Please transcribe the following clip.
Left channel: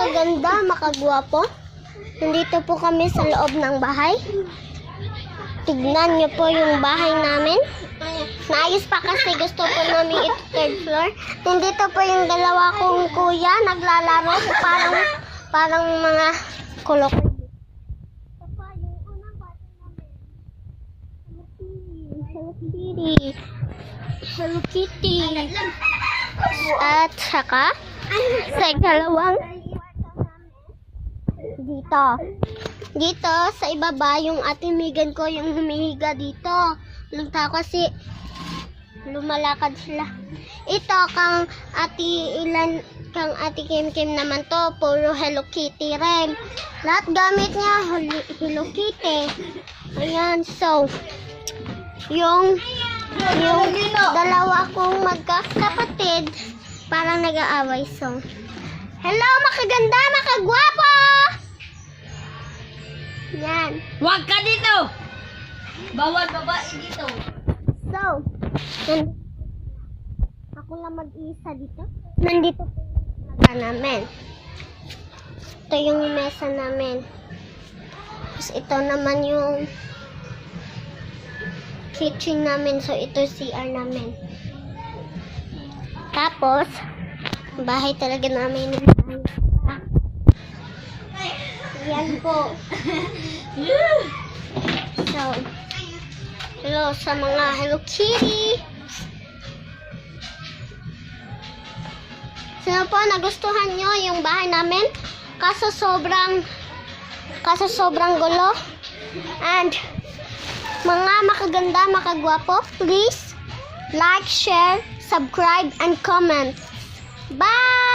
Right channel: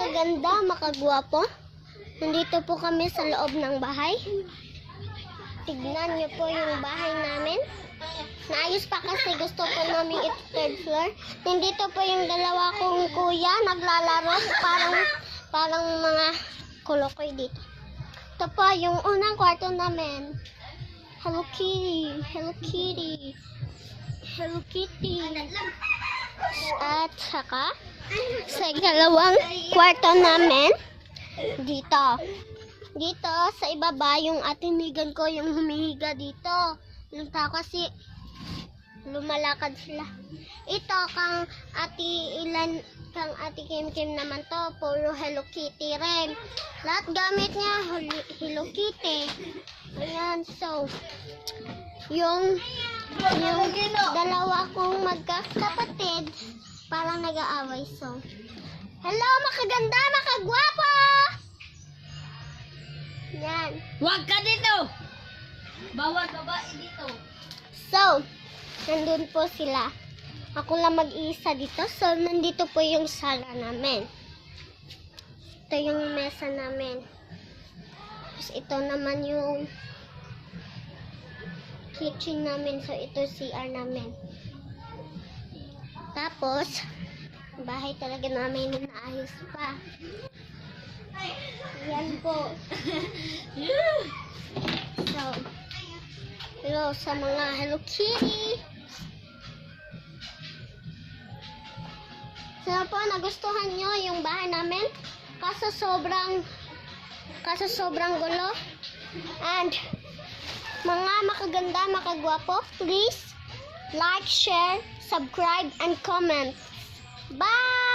makaganda, makagwapo. Nandito po kami sa loob ng bahay. Tignan niyo po yung bahay namin. Naayos pa kasi gusto po namin ito third floor. Nandito po yung dalawa kong kuya naglalaro. Parang mga kolokoy dito. Ito po yung unang kwarto namin. Hello Kitty. Hello Kitty. Hello Kitty. At saka sa ikalawang kwarto namin dito sa ibaba yung atimigan ko yung humihiga dito. Lunta kasi lumalakad sila. Ito kang ati Kim Kim naman to, puro Hello Kitty rin. Lahat gamit niya Hello Kitty. Ayan, so yung dalawa kong magkakapatid parang nag-aaway. So hello, makaganda, makagwapo. Yan. Huwag ka dito! Bawal babae dito. So, nandun po sila. Ako lang mag-iisa dito. So, nandito po yung sala namin. Ito yung mesa namin. Tapos ito naman yung kitchen namin. So, ito CR namin. Tapos, bahay talaga namin na maayos pa. Yan po. So, hello sa mga Hello Kitty. Sana po nagustuhan nyo yung bahay namin. Kaso sobrang gulo. And mga makaganda, makagwapo, please like, share, subscribe, and comment. Bye!